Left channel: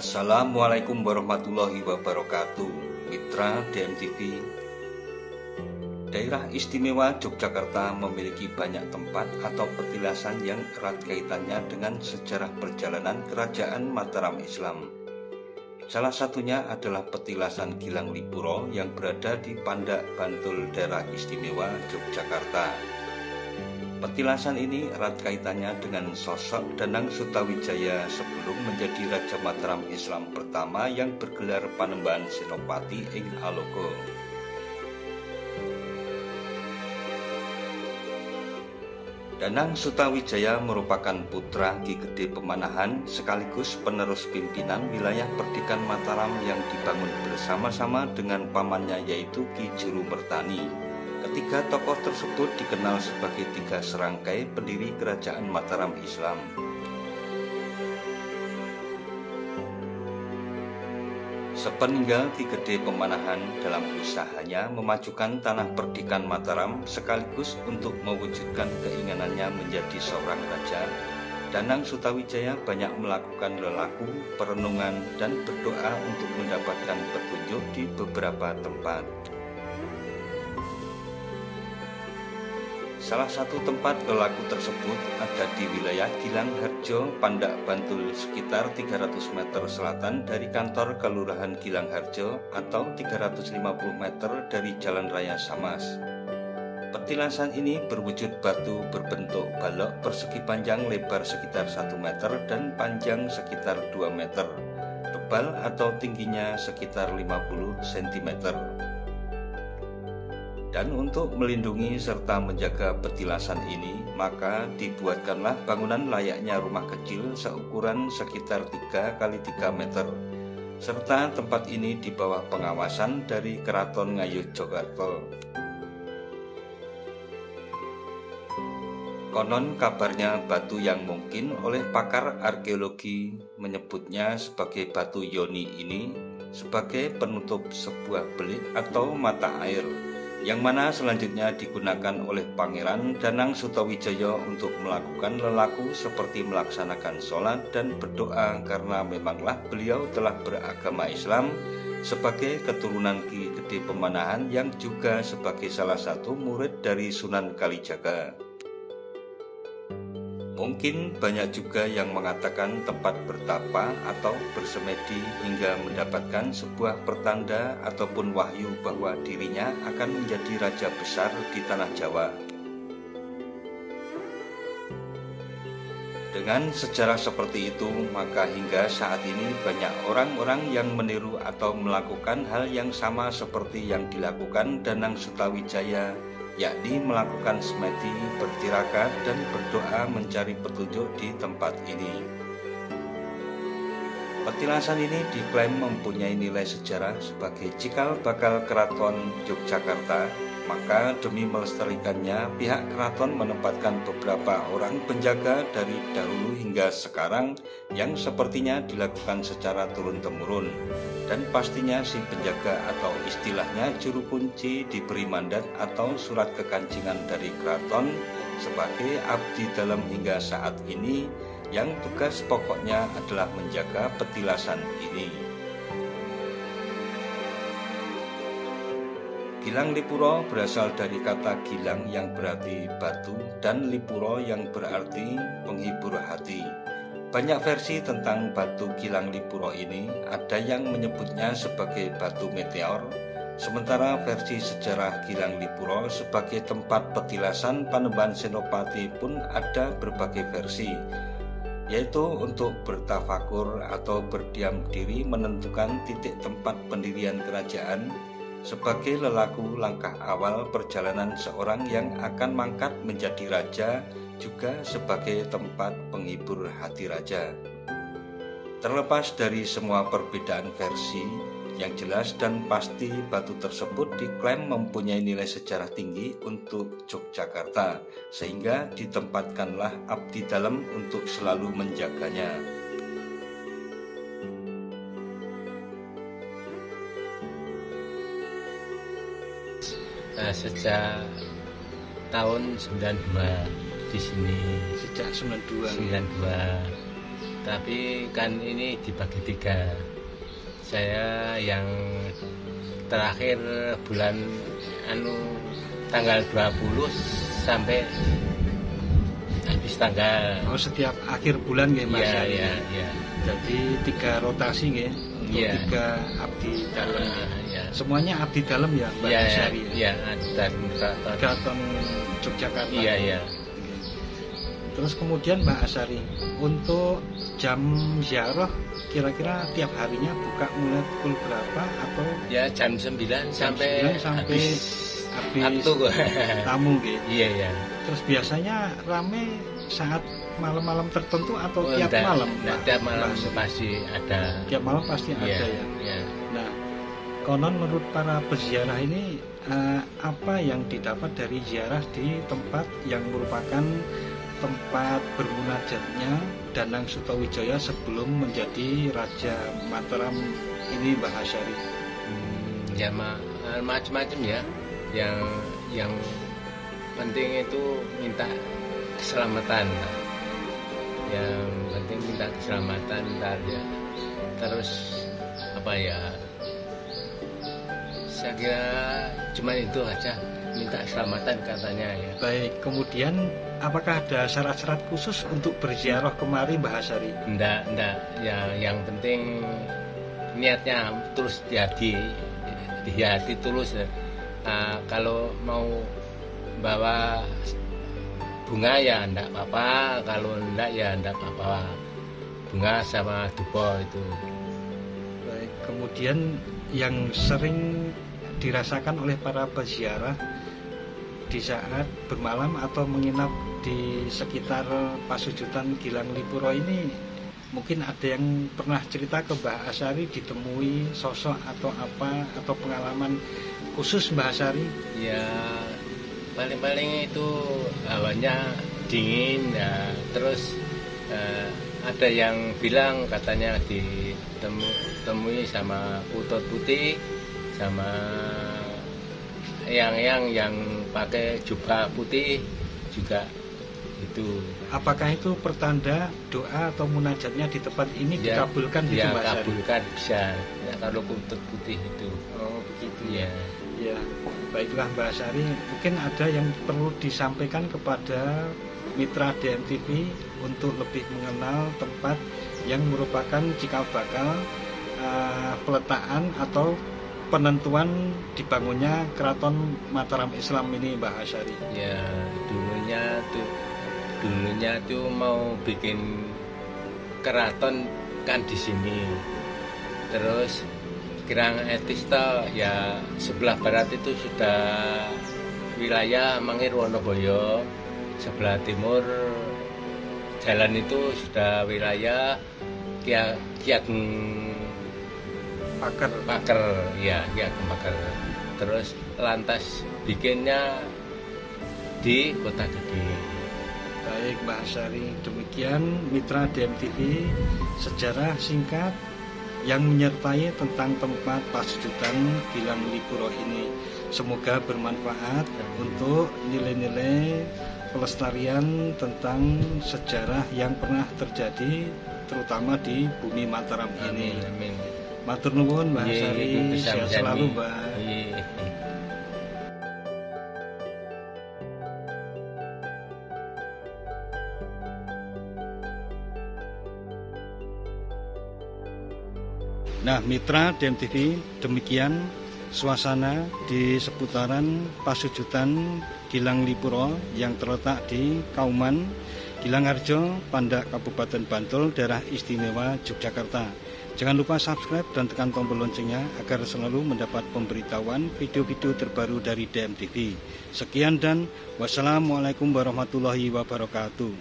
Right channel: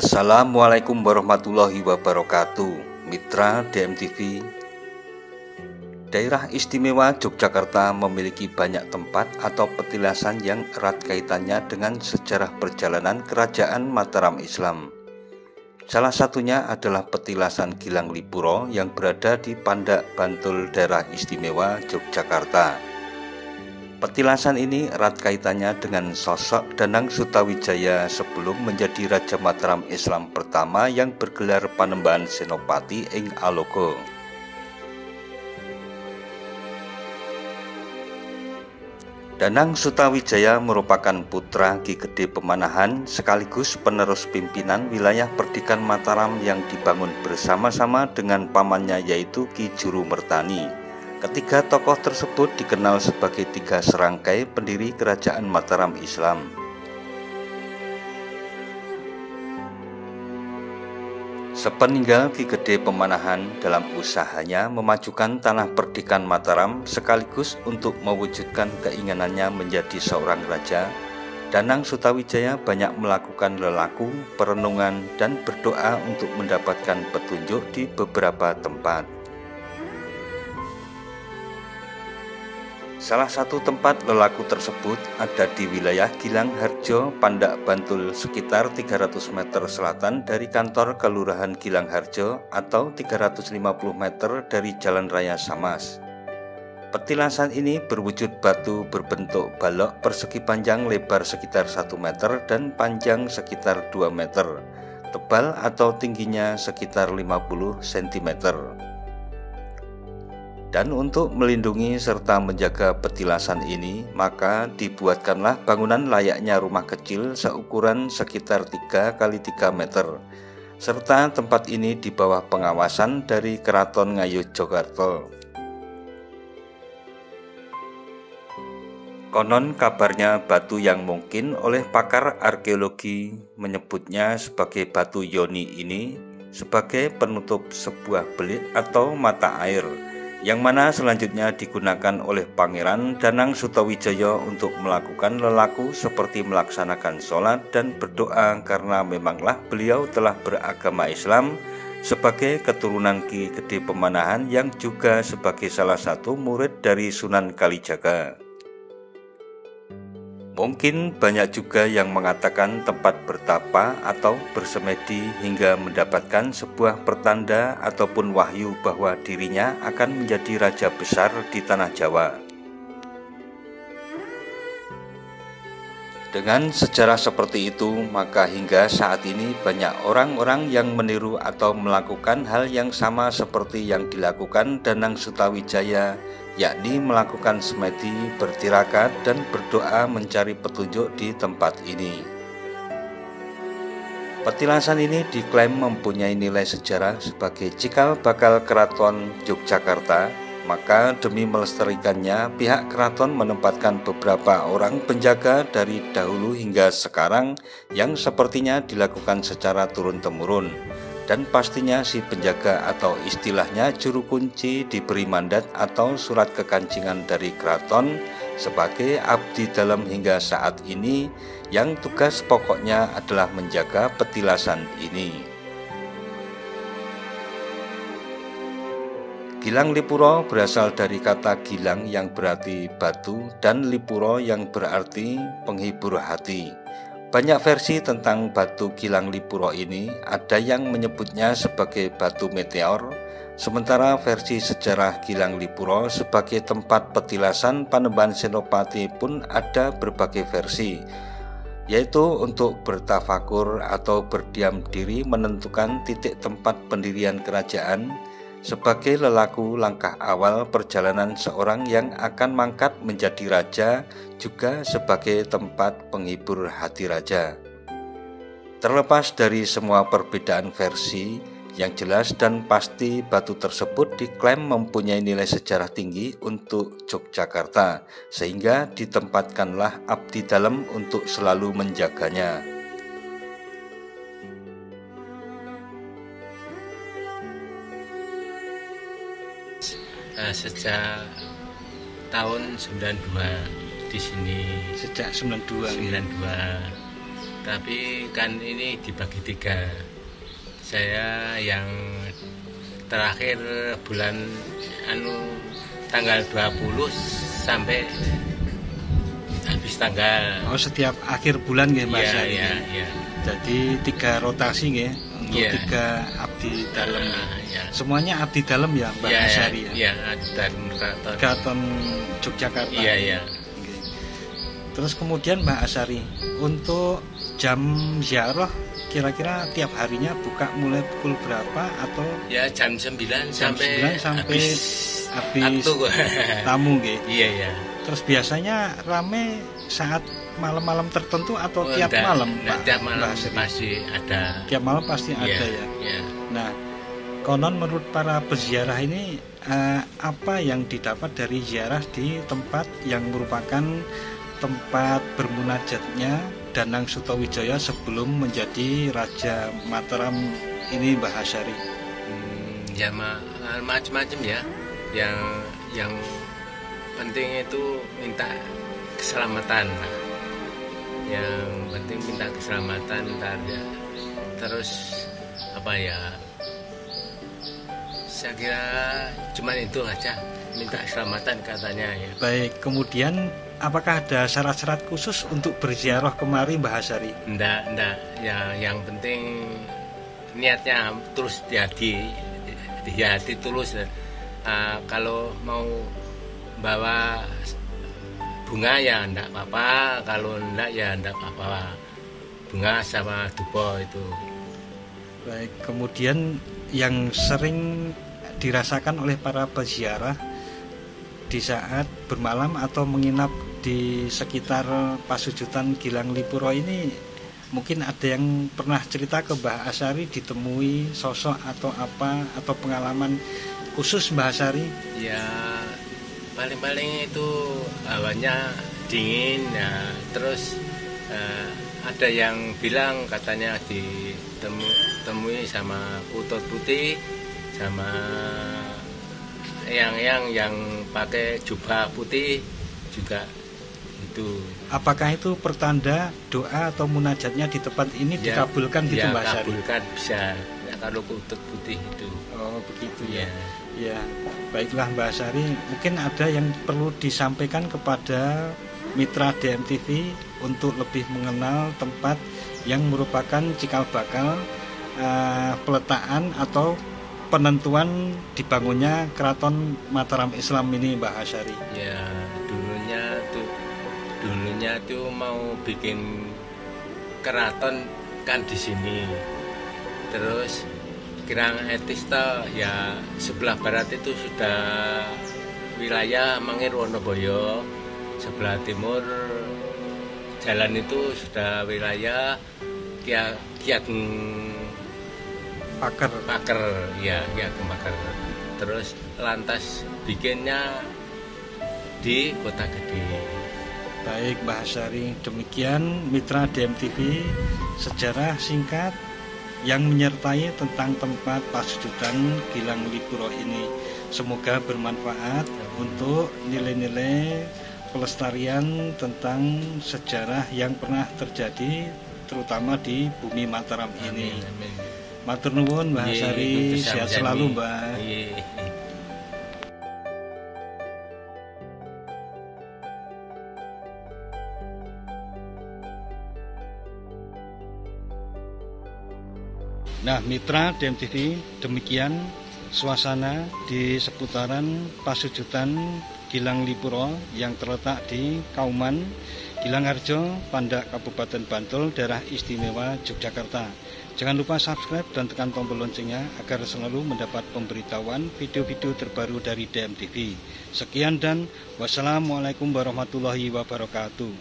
Assalamualaikum warahmatullahi wabarakatuh. Mitra DMTV. Daerah Istimewa Yogyakarta memiliki banyak tempat atau petilasan yang erat kaitannya dengan sejarah perjalanan Kerajaan Mataram Islam. Salah satunya adalah petilasan Gilang Lipuro yang berada di Pandak Bantul, Daerah Istimewa Yogyakarta. Petilasan ini erat kaitannya dengan sosok Danang Sutawijaya sebelum menjadi Raja Mataram Islam pertama yang bergelar Panembahan Senopati ing Alogo. Danang Sutawijaya merupakan putra Ki Gede Pemanahan sekaligus penerus pimpinan wilayah Perdikan Mataram yang dibangun bersama-sama dengan pamannya yaitu Ki Juru Mertani. Ketiga tokoh tersebut dikenal sebagai tiga serangkai pendiri Kerajaan Mataram Islam. Sepeninggal Ki Gede Pemanahan dalam usahanya memajukan tanah Perdikan Mataram sekaligus untuk mewujudkan keinginannya menjadi seorang raja, Danang Sutawijaya banyak melakukan lelaku, perenungan, dan berdoa untuk mendapatkan petunjuk di beberapa tempat. Salah satu tempat lelaku tersebut ada di wilayah Gilang Harjo, Pandak Bantul, sekitar 300 meter selatan dari kantor Kelurahan Gilang Harjo atau 350 meter dari Jalan Raya Samas. Petilasan ini berwujud batu berbentuk balok persegi panjang lebar sekitar 1 meter dan panjang sekitar 2 meter, tebal atau tingginya sekitar 50 cm. Dan untuk melindungi serta menjaga petilasan ini, maka dibuatkanlah bangunan layaknya rumah kecil seukuran sekitar 3 x 3 meter, serta tempat ini di bawah pengawasan dari Keraton Ngayogyakarta. Konon kabarnya batu yang mungkin oleh pakar arkeologi menyebutnya sebagai batu yoni ini sebagai penutup sebuah belit atau mata air, yang mana selanjutnya digunakan oleh Pangeran Danang Sutawijaya untuk melakukan lelaku seperti melaksanakan sholat dan berdoa karena memanglah beliau telah beragama Islam sebagai keturunan Ki Gede Pemanahan yang juga sebagai salah satu murid dari Sunan Kalijaga. Mungkin banyak juga yang mengatakan tempat bertapa atau bersemedi hingga mendapatkan sebuah pertanda ataupun wahyu bahwa dirinya akan menjadi raja besar di tanah Jawa. Dengan sejarah seperti itu, maka hingga saat ini banyak orang-orang yang meniru atau melakukan hal yang sama seperti yang dilakukan Danang Sutawijaya, yakni melakukan semedi, bertirakat, dan berdoa mencari petunjuk di tempat ini. Petilasan ini diklaim mempunyai nilai sejarah sebagai cikal bakal Keraton Yogyakarta, maka demi melestarikannya pihak keraton menempatkan beberapa orang penjaga dari dahulu hingga sekarang yang sepertinya dilakukan secara turun-temurun. Dan pastinya si penjaga atau istilahnya juru kunci diberi mandat atau surat kekancingan dari keraton sebagai abdi dalam hingga saat ini yang tugas pokoknya adalah menjaga petilasan ini. Gilang Lipuro berasal dari kata gilang yang berarti batu dan lipuro yang berarti penghibur hati. Banyak versi tentang batu Gilang Lipuro ini, ada yang menyebutnya sebagai batu meteor, sementara versi sejarah Gilang Lipuro sebagai tempat petilasan Panembahan Senopati pun ada berbagai versi, yaitu untuk bertafakur atau berdiam diri menentukan titik tempat pendirian kerajaan, sebagai lelaku langkah awal perjalanan seorang yang akan mangkat menjadi raja, juga sebagai tempat penghibur hati raja. Terlepas dari semua perbedaan versi, yang jelas dan pasti batu tersebut diklaim mempunyai nilai sejarah tinggi untuk Yogyakarta, sehingga ditempatkanlah abdi dalam untuk selalu menjaganya. Sejak tahun 92 di sini. Sejak 92. tapi kan ini dibagi 3. Saya yang terakhir bulan tanggal 20 sampai habis tanggal. Oh, setiap akhir bulan nggih Mas? Iya. Jadi 3 rotasi nggih, untuk 3 abdi dalem. Semuanya abdi dalem ya Mbak Asyari? Iya, abdi dalem Keraton Yogyakarta. Iya. Terus kemudian Mbak Asyari, untuk jam ziarah kira-kira tiap harinya buka mulai pukul berapa atau? Ya jam 9 sampai habis tamu nggih. Iya. Terus biasanya rame saat malam-malam tertentu atau tiap malam? Tiap malam pasti ada. Tiap malam pasti ada ya. Iya. Nah, konon menurut para peziarah ini apa yang didapat dari ziarah di tempat yang merupakan tempat bermunajatnya Danang Sutawijaya sebelum menjadi Raja Mataram ini Mbah Asyari? Ya macam-macam ya. Yang penting itu minta keselamatan, Pak. Yang penting minta keselamatan ya. Terus apa ya? Saya kira cuma itu aja, minta keselamatan katanya ya. Baik, kemudian apakah ada syarat-syarat khusus untuk berziarah kemari Mbah Asyari? Enggak. Ya, yang penting niatnya tulus di hati tulus. Kalau mau bawa bunga ya enggak apa-apa, kalau enggak ya enggak apa-apa. Bunga sama dupa itu. Baik, kemudian yang sering dirasakan oleh para peziarah di saat bermalam atau menginap di sekitar Pasujutan Gilang Lipuro ini, mungkin ada yang pernah cerita ke Mbah Asyari ditemui sosok atau apa, atau pengalaman khusus Mbah Asyari? Ya paling-paling itu hawanya dingin ya. Terus ada yang bilang katanya ditemui sama Putut Putih, sama yang pakai jubah putih juga itu. Apakah itu pertanda doa atau munajatnya di tempat ini dikabulkan gitu Mbak Asyari? Ya, kabulkan bisa ya, kalau Putut Putih itu. Oh begitu ya. Ya, baiklah Mbak Asyari, mungkin ada yang perlu disampaikan kepada mitra DMTV untuk lebih mengenal tempat yang merupakan cikal bakal peletakan atau penentuan dibangunnya Keraton Mataram Islam ini Mbah Asyari? Ya, dulunya tuh mau bikin keraton kan di sini. Terus Kirang Etis ya sebelah barat itu sudah wilayah Mangir Wonoboyo, sebelah timur jalan itu sudah wilayah Kiat Paker ya, Paker. Terus lantas bikinnya di Kota Gede. Baik Mbah Asyari, demikian mitra DMTV sejarah singkat yang menyertai tentang tempat Pasujutan Gilang Lipuro ini. Semoga bermanfaat untuk nilai-nilai pelestarian tentang sejarah yang pernah terjadi terutama di bumi Mataram ini. Matur nuwun Mbah Asyari, sehat selalu Mbah. Nah, mitra DMTV, demikian suasana di seputaran Pasujutan Gilang Lipuro yang terletak di Kauman, Gilangarjo, Pandak, Kabupaten Bantul, Daerah Istimewa Yogyakarta. Jangan lupa subscribe dan tekan tombol loncengnya agar selalu mendapat pemberitahuan video-video terbaru dari DMTV. Sekian dan wassalamualaikum warahmatullahi wabarakatuh.